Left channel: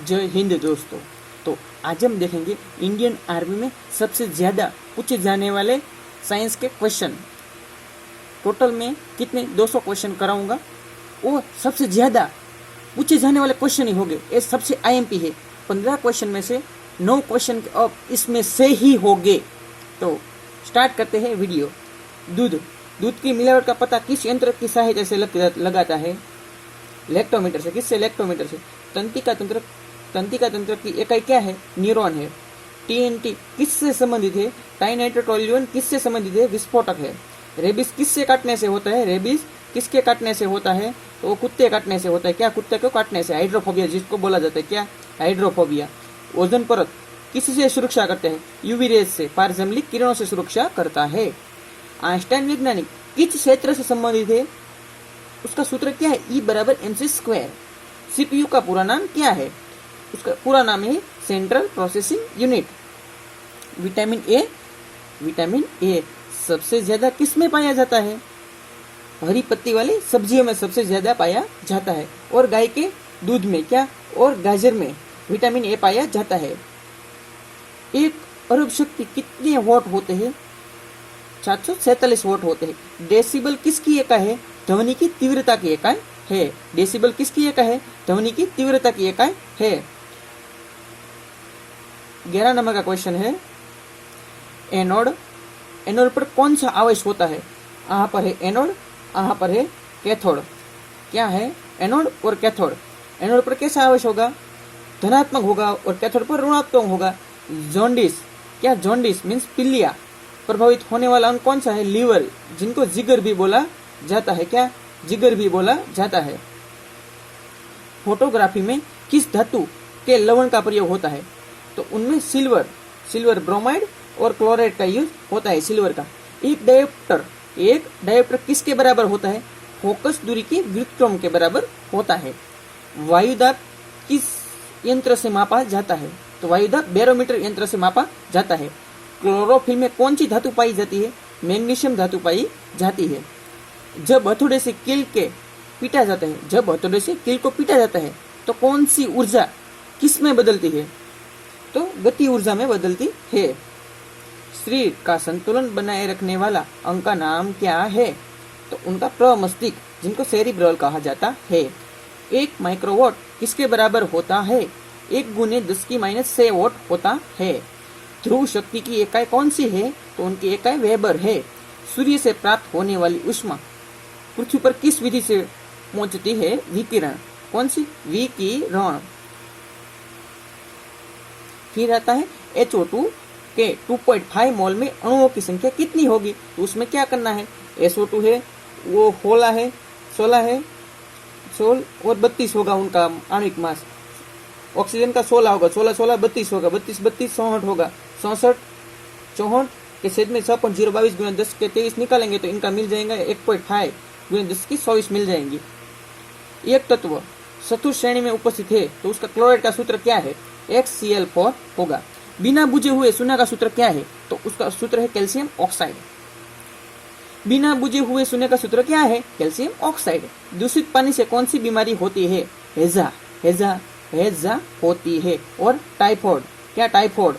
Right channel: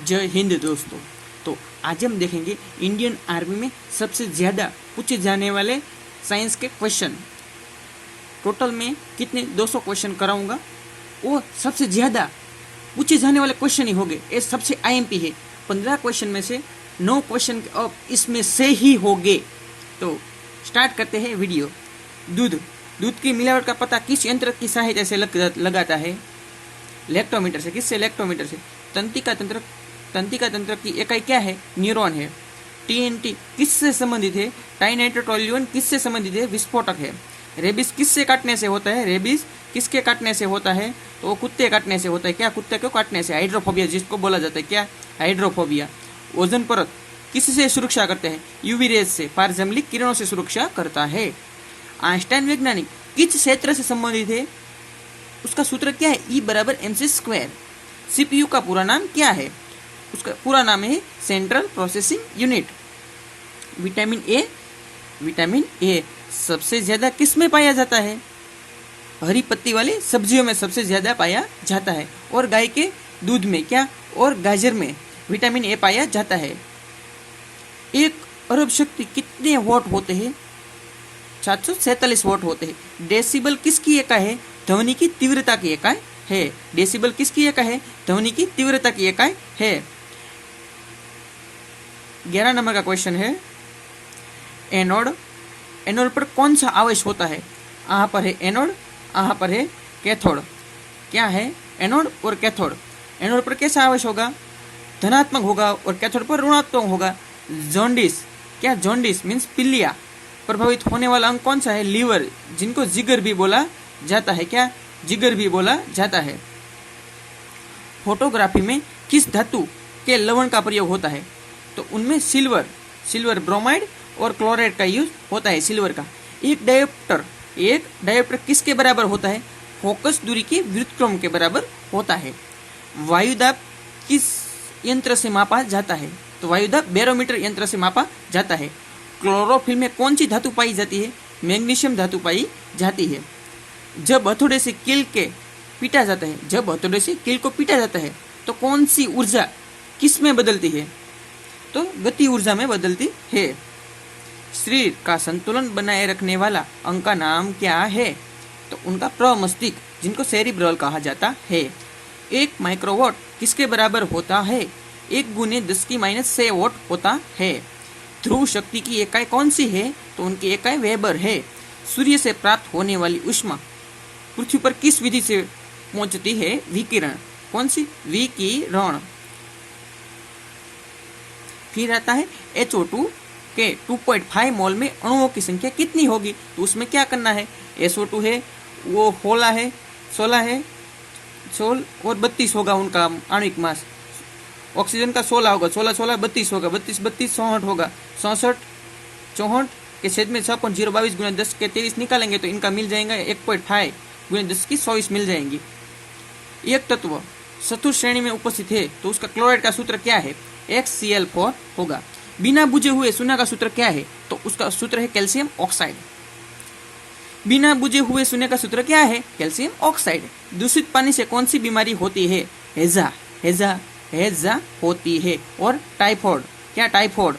जय हिंद दोस्तों। तो आज हम देखेंगे इंडियन आर्मी में सबसे ज़्यादा पूछे जाने वाले साइंस के क्वेश्चन। टोटल में कितने 200 क्वेश्चन कराऊंगा, वो सबसे ज़्यादा पूछे जाने वाले क्वेश्चन ही होंगे। ये सबसे आईएमपी है। 15 क्वेश्चन में से 9 क्वेश्चन अब इसमें से ही होंगे। तो स्टार्ट करते हैं वीडियो। दूध की मिलावट का पता किस यंत्र की सहायता से लगाता है? लैक्टोमीटर से। किससे? लैक्टोमीटर से। तंत्रिका तंत्र की इकाई क्या है? न्यूरॉन है। टीएनटी किससे संबंधित है? टाइनाइट्रोटोल्यून किससे संबंधित है? विस्फोटक है। रेबिस किससे काटने से होता है? रेबिस किसके काटने से होता है? तो वो कुत्ते काटने से होता है। क्या? कुत्ते को काटने से। हाइड्रोफोबिया जिसको बोला जाता है, क्या? हाइड्रोफोबिया। ओजोन परत किससे सुरक्षा करते हैं? यूवी रेज से, पारजमलिक किरणों से सुरक्षा करता है। आइंस्टाइन वैज्ञानिक किस क्षेत्र से संबंधित है? उसका सूत्र क्या है? E बराबर mc²। सीपीयू का पूरा नाम क्या है? उसका पूरा नाम है central processing unit. Vitamin A सबसे ज्यादा किस में पाया जाता है? हरी पत्ती वाली सब्जियों में सबसे ज्यादा पाया जाता है। और गाय के दूध में, क्या? और गाजर में विटामिन ए पाया जाता है। 1 अरब शक्ति कितने वॉट होते हैं? 747 वॉट होते हैं। डेसिबल किसकी इकाई है? ध्वनि की तीव्रता की इकाई है। डेसिबल किसकी इकाई है? ध्वनि की तीव्रता की इकाई है। 11 नंबर का क्वेश्चन है, एनोड पर कौन सा आवेश होता है? यहाँ पर है एनोड, यहाँ पर है कैथोड। क्या है? एनोड और कैथोड। एनोड पर कैसा आवेश होगा? धनात्मक होगा और कैथोड पर ऋणात्मक होगा। जॉन्डिस। क्या? जॉन्डिस मीन्स पीलिया प्रभावित होने वाला अंग कौन सा है? लीवर, जिनको जिगर भी बोला जाता है। क्या? जिगर भी बोला जाता है। फोटोग्राफी में किस धातु के लवण का प्रयोग होता है? तो उनमें सिल्वर ब्रोमाइड और क्लोराइड का यूज होता है। सिल्वर का। एक डायोप्टर किसके बराबर होता है? फोकस दूरी के व्युत्क्रम के बराबर होता है। वायुदाब किस यंत्र से मापा जाता है? तो वायुदाब बैरोमीटर यंत्र से मापा जाता है। क्लोरोफिल में कौन सी धातु पाई जाती है? मैग्नीशियम धातु पाई जाती है। जब हथौड़े से कील को पीटा जाता है तो कौन सी ऊर्जा किस में बदलती है? तो गति ऊर्जा में बदलती है। शरीर का संतुलन बनाए रखने वाला अंग का नाम क्या है? तो उनका प्रमस्तिष्क, जिनको सेरिब्रल कहा जाता है। 1 माइक्रोवाट किसके बराबर होता है? 1 × 10⁻6 वाट होता है। ध्रुव शक्ति की इकाई कौन सी है? तो उनकी इकाई वेबर है। सूर्य से प्राप्त होने वाली ऊष्मा पृथ्वी पर किस विधि से पहुंचती है? विकिरण। कौन सी? विकिरण। फिर आता है HO2 के 2.5 मोल में अणुओं की संख्या कितनी होगी? तो उसमें क्या करना है? SO2 है, वो 16 है और 32 होगा उनका आणविक मास। ऑक्सीजन का 16 होगा, 16 32 होगा, 32 64 होगा, 64 के छेद में 6.022 × 10 के 23 निकालेंगे तो इनका मिल जाएगा 1.5 × 10 की 24 मिल जाएंगी। एक तत्व चतुर्थ श्रेणी में उपस्थित है तो उसका क्लोराइड का सूत्र क्या है? XCl4 होगा। बिना बुझे हुए सोना का सूत्र क्या है? तो उसका सूत्र है कैल्शियम ऑक्साइड। बिना बुझे हुए सोने का सूत्र क्या है? Calcium oxide. दूषित पानी से कौन सी बीमारी होती है? हैजा होती है। और टाइफाइड। क्या? टाइफाइड।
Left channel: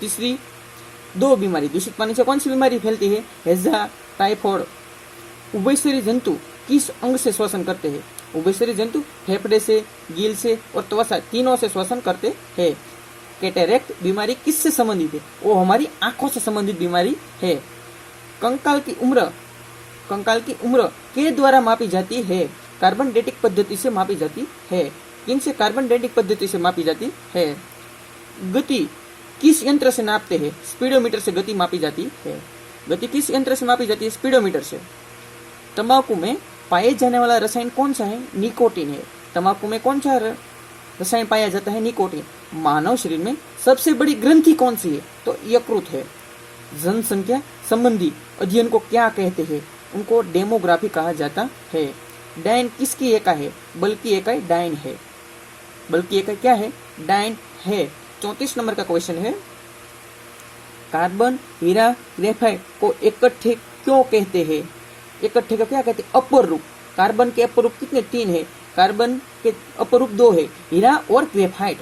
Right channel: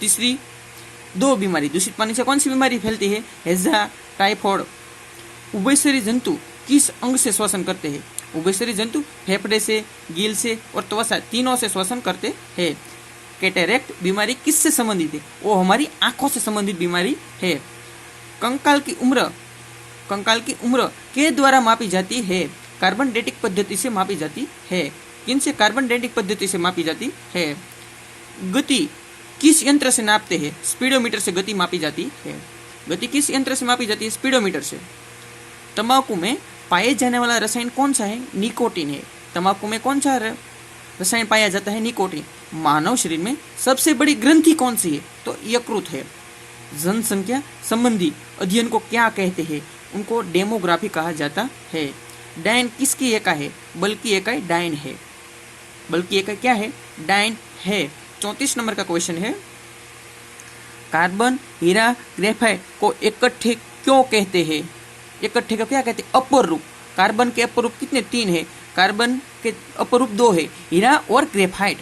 तीसरी 2 बीमारी। दूषित पानी से कौन सी बीमारी फैलती है? हैजा, टाइफाइड। उभयचरी जंतु किस अंग से श्वसन करते हैं? उभयचरी जंतु फेफड़े से, गिल से और त्वचा तीनों से श्वसन करते हैं। कैटरेक्ट बीमारी किससे संबंधित है? वो हमारी आंखों से संबंधित बीमारी है। कंकाल की उम्र के द्वारा मापी जाती है? कार्बन डेटिंग पद्धति से मापी जाती है। किनसे? कार्बन डेटिंग पद्धति से मापी जाती है। गति किस यंत्र से नापते हैं? स्पीडोमीटर से गति मापी जाती है। गति किस यंत्र से मापी जाती है? स्पीडोमीटर से। तंबाकू में पाए जाने वाला रसायन कौन सा है? निकोटीन है। तंबाकू में कौन सा रसायन पाया जाता है? निकोटीन। मानव शरीर में सबसे बड़ी ग्रंथि कौन सी है? तो यकृत है। जनसंख्या संबंधी अध्ययन को क्या कहते हैं? उनको डेमोग्राफी कहा जाता है। डायन किसकी इकाई है? बल की इकाई डायन है। बल की इकाई क्या है? डायन है। 34 नंबर का क्वेश्चन है, कार्बन, हीरा, ग्रेफाइट को इकट्ठे क्यों कहते हैं? इकट्ठे का क्या कहते हैं? अपर रूप। कार्बन के अपर रूप कितने? 3 है। कार्बन के अपर रूप 2 है, हीरा और ग्रेफाइट।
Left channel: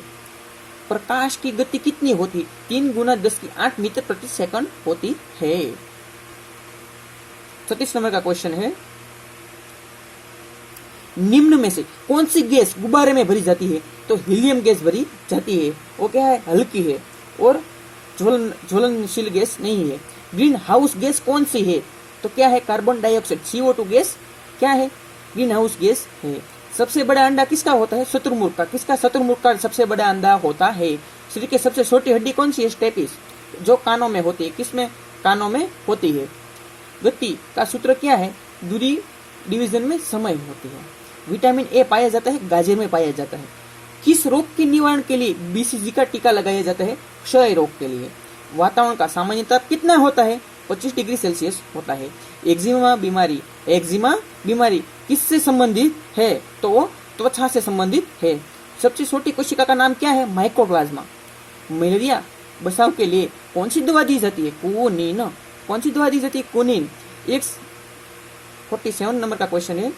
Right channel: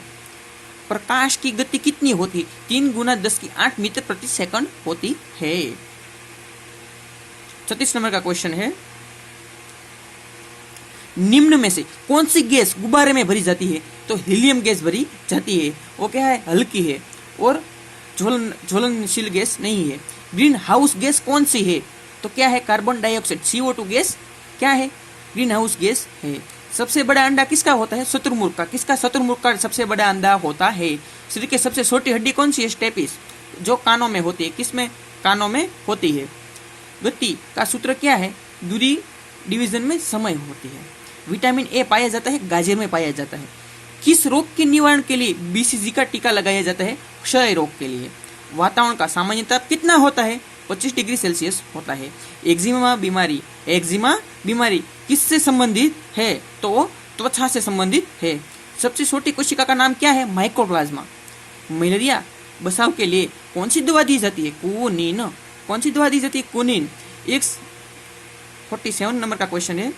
प्रकाश की गति कितनी होती? 3 गुना 10⁸ मीटर प्रति सेकंड होती है। 36 नंबर का क्वेश्चन है, निम्न में से कौन सी गैस गुब्बारे में भरी जाती है? तो हीलियम गैस भरी जाती है। वो क्या है? हल्की है और ज्वलनशील गैस नहीं है। ग्रीन हाउस गैस कौन सी है? तो क्या है? कार्बन डाइऑक्साइड, CO2 गैस क्या है? ग्रीन हाउस गैस है। सबसे बड़ा अंडा किसका होता है? शुतुरमुर्ग का। किसका? शुतुरमुर्ग का सबसे बड़ा अंडा होता है। शरीर की सबसे छोटी हड्डी कौन सी है? स्टेपिस, जो कानों में होती है। किसमें? कानों में होती है। गति का सूत्र क्या है? दूरी डिवीजन में समय होती है। विटामिन ए पाया जाता है गाजर में पाया जाता है। किस रोग के निवारण के लिए BCG का टीका लगाया जाता है? क्षय रोग के लिए। वातावरण का सामान्य ताप कितना होता है? 25 डिग्री सेल्सियस होता है। एक्जिमा बीमारी किससे संबंधित है? तो त्वचा से संबंधित है। सबसे छोटी कोशिका का नाम क्या है? माइक्रोप्लाज्मा। मलेरिया बचाव के लिए कौन सी दवा दी जाती है? क्विनिन। कौन सी दवा दी जाती है? क्विनिन। 47 नंबर का क्वेश्चन है,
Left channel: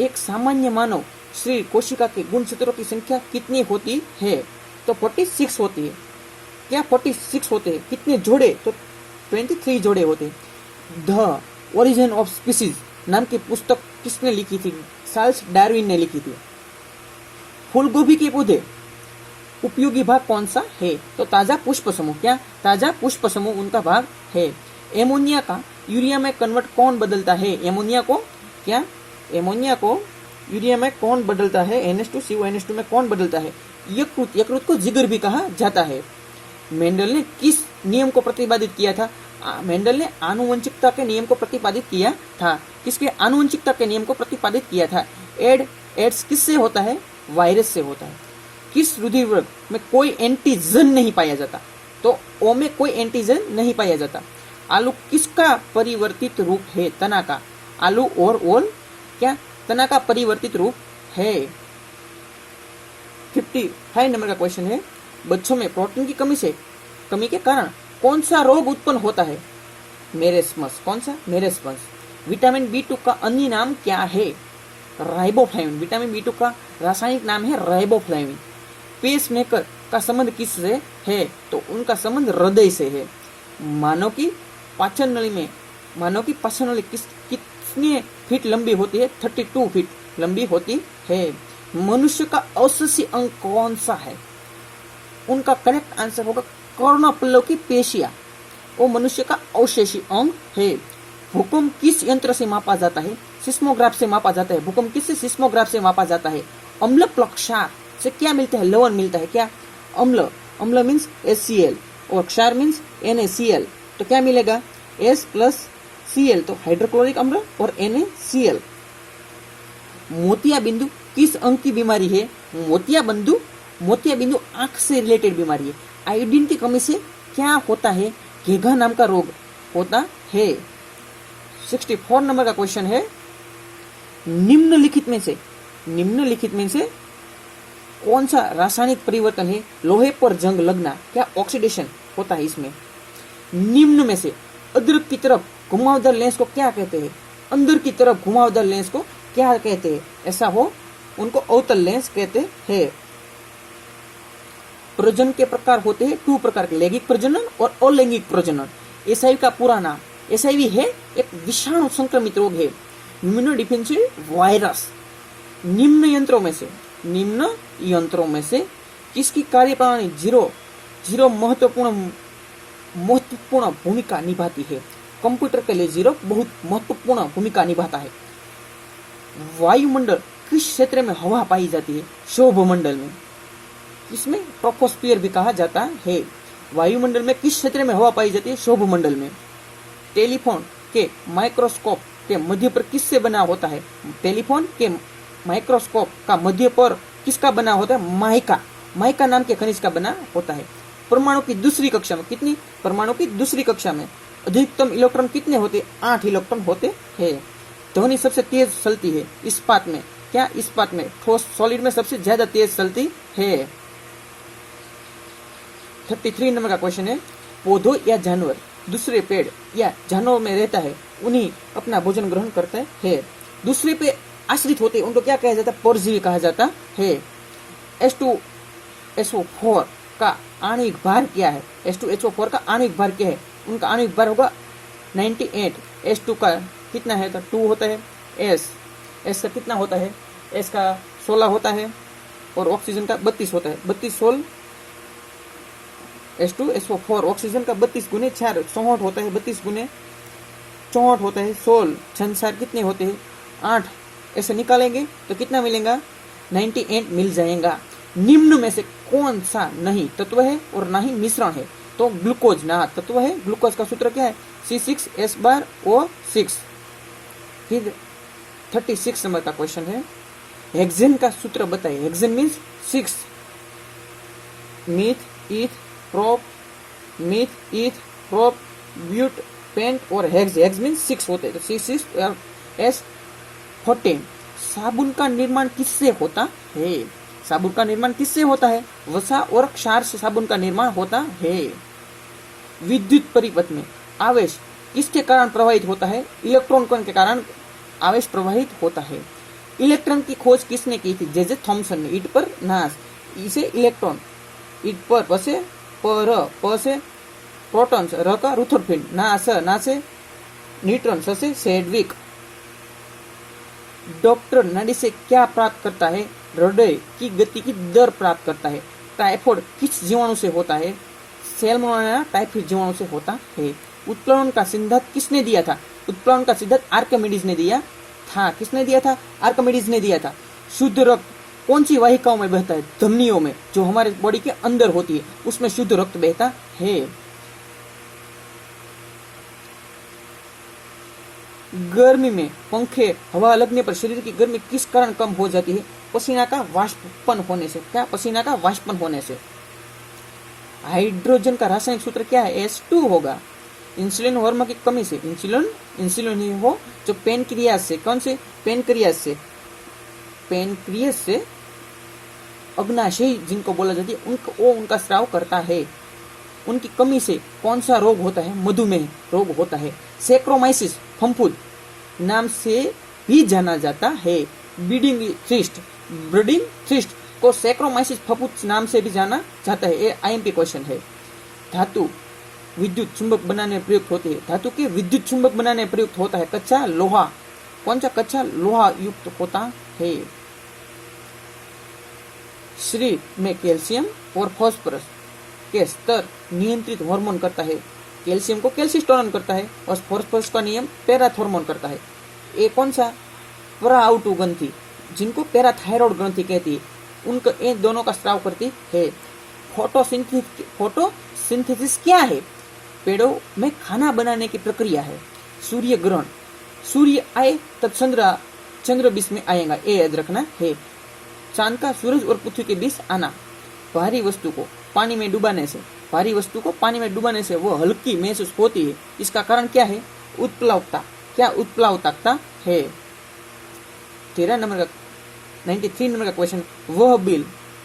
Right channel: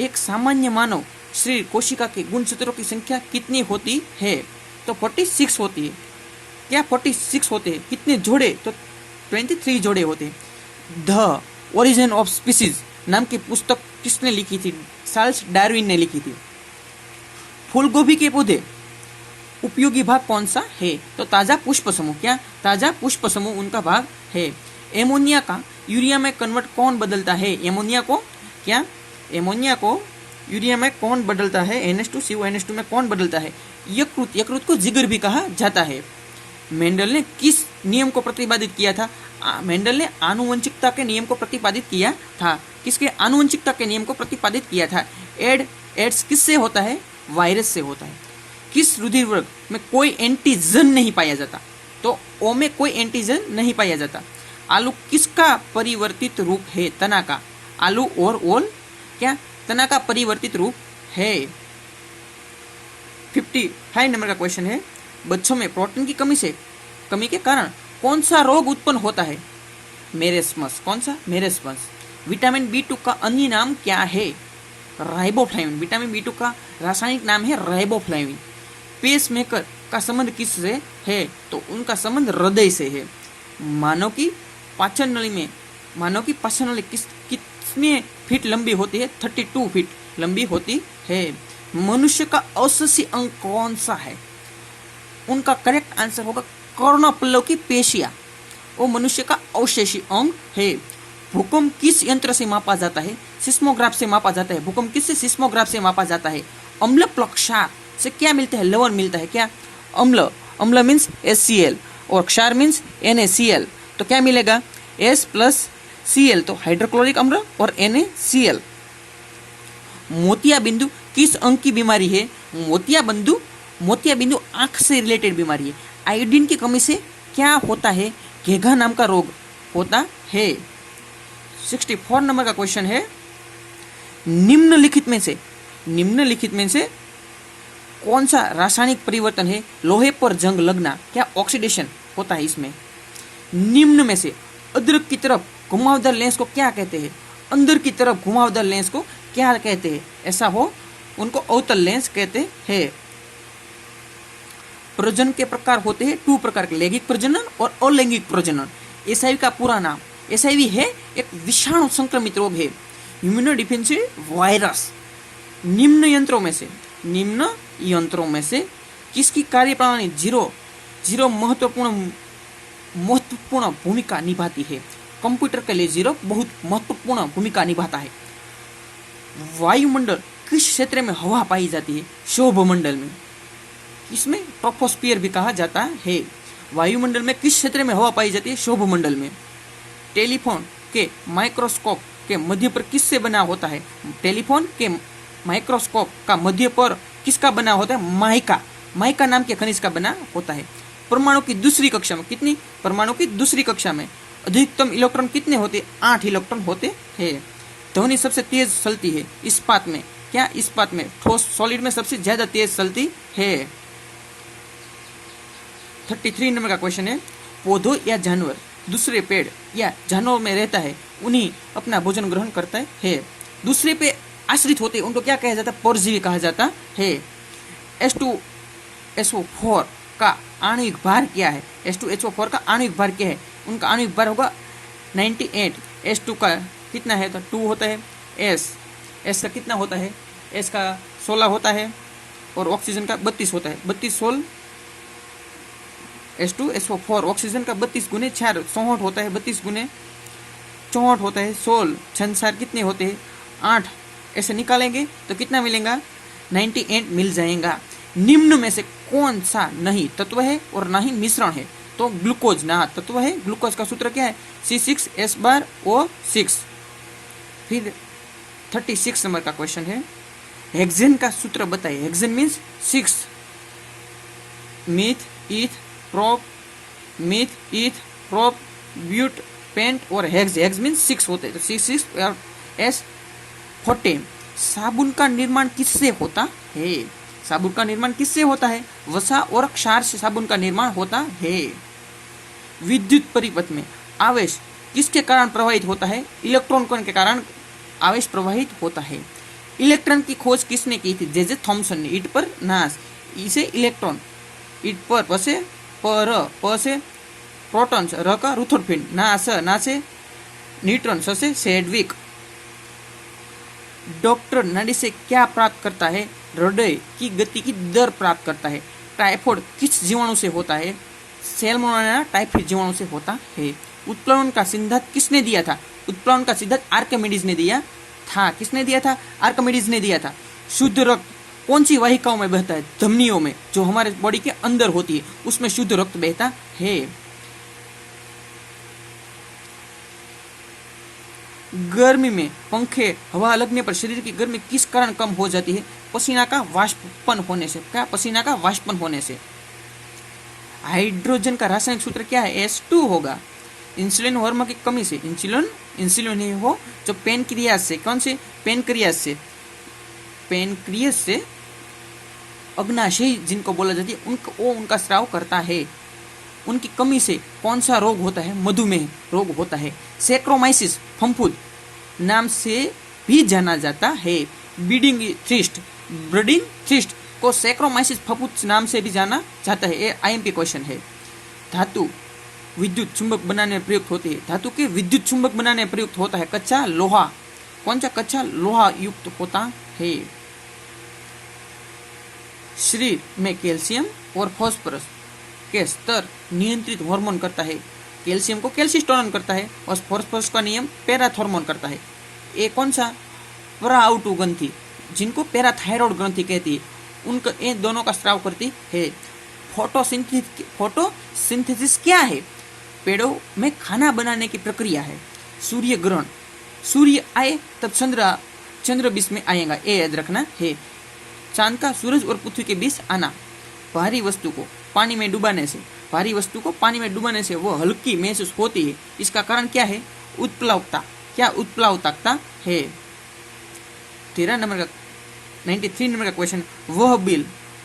एक सामान्य मानव शरीर कोशिका के गुणसूत्रों की संख्या कितनी होती है? तो 46 होती है। क्या 46 होते हैं? कितने जोड़े? तो 23 जोड़े होते हैं। द ओरिजिन ऑफ स्पीसीज नाम की पुस्तक किसने लिखी थी? चार्ल्स डार्विन ने लिखी थी। फूलगोभी के पौधे उपयोगी भाग कौन सा है? तो ताजा पुष्प समूह। क्या? ताजा पुष्प समूह उनका भाग है। एमोनिया का यूरिया में कन्वर्ट कौन बदलता है? एमोनिया को यूरिया में कौन बदलता है? NH2CO में कौन बदलता है? यकृत को जिगर भी कहा जाता है। मेंडल ने किस नियम को प्रतिपादित किया था? मेंडल ने आनुवंशिकता के नियम को प्रतिपादित किया था। किसके? आनुवंशिकता के नियम को प्रतिपादित किया था। एड्स किससे होता है? वायरस से होता है। किस रुधिर वर्ग में कोई एंटीजन नहीं पाया जाता? तो ओ में कोई एंटीजन नहीं पाया जाता। आलू किसका परिवर्तित रूप है? तना का। आलू और ओल क्या? तना का परिवर्तित रूप है। 55 नंबर का क्वेश्चन है, बच्चों में प्रोटीन की कमी के कारण कौन सा रोग उत्पन्न होता है? मेरेस्मस। कौन सा? मेरेस्मस। विटामिन B2 का अन्य नाम क्या है? राइबोफ्लाविन। विटामिन B2 का रासायनिक नाम है राइबोफ्लाविन। पेसमेकर का संबंध किससे है? तो उनका संबंध हृदय से है। मानव की पाचन नली कितने फीट लंबी होती है? 32 फीट लंबी होती है। मनुष्य का अवशेषी अंग कौन सा है? उनका करेक्ट आंसर होगा कर्णपल्लव की पेशियां। वो मनुष्य का अवशेषी अंग है। भूकंप किस यंत्र से मापा जाता है? सिस्मोग्राफ से मापा जाता है। भूकंप किससे? सिस्मोग्राफ से मापा जाता है। अम्ल प्लक्षार से क्या मिलता है? लवण मिलता है। क्या? अम्ल मीन्स HCl और क्षार मीन्स NaCl। तो क्या मिलेगा? S+Cl, तो हाइड्रोक्लोरिक अम्ल और NaCl। मोतिया बिंदु किस अंग की बीमारी है? मोतिया बिंदु आंख से रिलेटेड बीमारी है। आयोडीन की कमी से क्या होता है? घेघा नाम का रोग होता है। 64 नंबर का क्वेश्चन है, निम्नलिखित में से कौन सा रासायनिक परिवर्तन है? लोहे पर जंग लगना। क्या? ऑक्सीडेशन होता है इसमें। निम्न में से अदरक की तरफ घुमावदार लेंस को क्या कहते हैं? अंदर की तरफ घुमावदार लेंस को क्या कहते हैं? ऐसा हो उनको अवतल लेंस कहते हैं। प्रजनन के प्रकार होते हैं 2 प्रकार के, लैंगिक प्रजनन और अलैंगिक प्रजनन। HIV का पूरा नाम, HIV है एक विषाणु संक्रमित रोग है, इम्यूनोडिफेंसिव वायरस। निम्न यंत्रों में से किसकी कार्यप्रणाली जीरो महत्वपूर्ण भूमिका निभाती है? कंप्यूटर के लिए 0 बहुत महत्वपूर्ण भूमिका निभाता है। वायुमंडल किस क्षेत्र में हवा पाई जाती है? शोभमंडल में। इसमें ट्रोपोस्फियर भी कहा जाता है। वायुमंडल में किस क्षेत्र में हवा पाई जाती है? शोभमंडल में। टेलीफोन के माइक्रोस्कोप के मध्य पर किससे बना होता है? टेलीफोन के माइक्रोस्कोप का मध्य पर किसका बना होता है? माइका नाम के खनिज का बना होता है। परमाणु की दूसरी कक्षा में कितनी? परमाणु की दूसरी कक्षा में अधिकतम इलेक्ट्रॉन कितने होते? 8 इलेक्ट्रॉन होते हैं। ध्वनि सबसे तेज चलती है इस्पात में। क्या? इस्पात में। ठोस सॉलिड में सबसे ज्यादा तेज चलती है। 33 नंबर का क्वेश्चन है, पौधों या जानवर दूसरे पेड़ या जानवर में रहता है, उन्हीं अपना भोजन ग्रहण करता है। दूसरे पे आश्रित होते हैं उनको क्या कहा जाता है? परजीवी कहा जाता है। H2SO4 का आणविक भार क्या है? H2SO4 का आणविक भार क्या है? उनका आणविक भार होगा 98। H2 का कितना है? तो 2 होता है। S का कितना होता है? S का 16 होता है और ऑक्सीजन का 32 होता है। 32 16 H2SO4 ऑक्सीजन का 32 गुने 4 64 होता है। 32 गुने 64 होता है। 16 छंसार कितने होते हैं? 8। ऐसे निकालेंगे तो कितना मिलेगा? 98 मिल जाएगा। निम्न में से कौन सा नहीं तत्व है और ना ही मिश्रण है? तो ग्लूकोज ना तत्व है। ग्लूकोज का सूत्र क्या है? C6H12O6। फिर 36 नंबर का क्वेश्चन है, हेक्सेन का सूत्र बताइए। Hexane means 6 meth eth prop but pent और हेक्स मीन्स 6 होते हैं। तो C6H14। साबुन का निर्माण किससे होता है? साबुन का निर्माण किससे होता है? वसा और क्षार से साबुन का निर्माण होता है। विद्युत परिपथ में आवेश किसके कारण प्रवाहित होता है? इलेक्ट्रॉन कण के कारण आवेश प्रवाहित होता है। इलेक्ट्रॉन की खोज किसने की थी? जे थॉमसन ने। ईट पर नास, इसे इलेक्ट्रॉन, ईट पर पसे पर पसे प्रोटॉन्स, र का रुथरफील्ड, ना से न्यूट्रॉन, से सेडविक। डॉक्टर नाड़ी से क्या प्राप्त करता है? हृदय की गति की दर प्राप्त करता है। टाइफाइड किस जीवाणु से होता है? सैल्मोनेला टाइफाइड जीवाणु से होता है। उत्प्लवन का सिद्धांत किसने दिया था? उत्प्लवन का सिद्धांत आर्किमिडीज ने दिया था। किसने दिया था? आर्किमिडीज ने दिया था। शुद्ध रक्त कौन सी वाहिकाओं में बहता है? धमनियों में, जो हमारे बॉडी के अंदर होती है, उसमें शुद्ध रक्त बहता है। गर्मी में पंखे हवा लगने पर शरीर की गर्मी किस कारण कम हो जाती है? पसीना का वाष्पन होने से। क्या? पसीना का वाष्पन होने से। हाइड्रोजन का रासायनिक सूत्र क्या है? H2 होगा। इंसुलिन हार्मोन की कमी से, इंसुलिन ही हो जो पेनक्रियास से, कौन से? पेनक्रियास से अग्नाशयी जिनको बोला जाती है, उनका स्राव करता है। उनकी कमी से कौन सा रोग होता है? मधुमेह रोग होता है। सैक्रोमाइसिस फफूंद नाम से भी जाना जाता है। ब्रीडिंग थ्रिस्ट को सैक्रोमाइसिस फफूंद नाम से भी जाना जाता है। ये IMP क्वेश्चन है। धातु विद्युत चुंबक बनाने में प्रयुक्त होती है। धातु के विद्युत चुंबक बनाने में प्रयुक्त होता है कच्चा लोहा। कौन सा? कच्चा लोहा युक्त होता है। शरीर में कैल्शियम और फास्फोरस के स्तर नियंत्रित हार्मोन करता है। कैल्शियम को कैल्सिस्टोनिन करता है और फास्फोरस का नियम पैराथॉर्मोन करता है। ये कौन सा? पराउटु ग्रंथि, जिनको पैराथायरॉइड ग्रंथि कहती है, उनका इन दोनों का स्राव करती है। फोटोसिंथेसिस क्या है? पेड़ों में खाना बनाने की प्रक्रिया है। सूर्य ग्रहण, सूर्य आए तब चंद्र बीच में आएगा, ये याद रखना है। चांद का सूरज और पृथ्वी के बीच आना। भारी वस्तु को पानी में डुबाने से वो हल्की महसूस होती है। इसका कारण क्या है? उत्प्लावकता। क्या? उत्प्लावकता है। 93 नंबर का क्वेश्चन,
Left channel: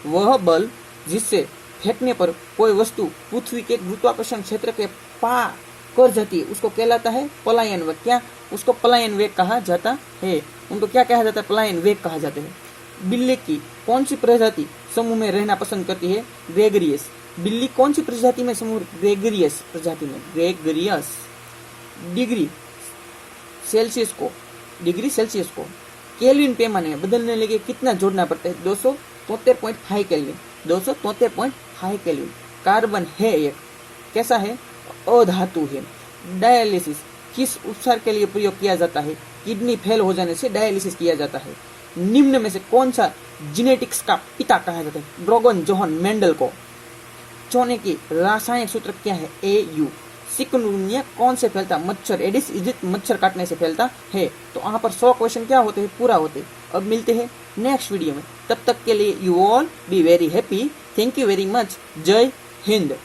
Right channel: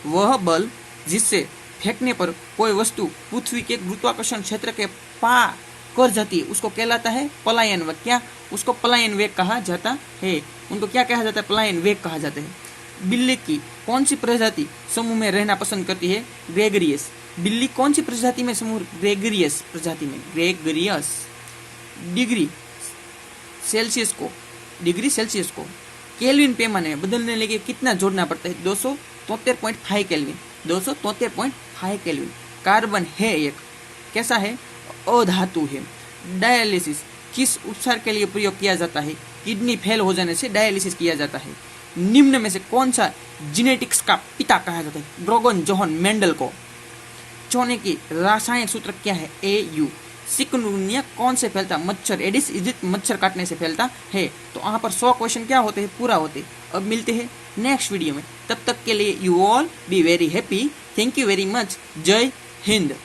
वह बल जिससे फेंकने पर कोई वस्तु पृथ्वी के गुरुत्वाकर्षण क्षेत्र के पार कर जाती है, उसको कहलाता है पलायन वेग। क्या? उसको पलायन वेग कहा जाता है। उनको क्या कहा जाता है? पलायन वेग कहा जाता है। बिल्ली की कौन सी प्रजाति समूह में रहना पसंद करती है? ग्रेगरियस। बिल्ली कौन सी प्रजाति में समूह? ग्रेगरियस प्रजाति में, ग्रेगरियस। डिग्री सेल्सियस को केल्विन पैमाने में बदलने लगे कितना जोड़ना पड़ता है? 273.5 केल्विन। 273.5 केल्विन। कार्बन है एक, कैसा है? अधातु है। डायलिसिस किस उपचार के लिए प्रयोग किया जाता है? किडनी फेल हो जाने से डायलिसिस किया जाता है। निम्न में से कौन सा जेनेटिक्स का पिता कहा जाता है? ग्रेगोर जोहान मेंडल को। चूने की रासायनिक सूत्र क्या है? AU। चिकनगुनिया कौन से फैलता? मच्छर, एडिस इजिप्ट मच्छर काटने से फैलता है। तो यहाँ पर 100 क्वेश्चन क्या होते हैं? पूरा होते। अब मिलते हैं नेक्स्ट वीडियो में, तब तक के लिए you all be very happy. Thank you very much. जय हिंद।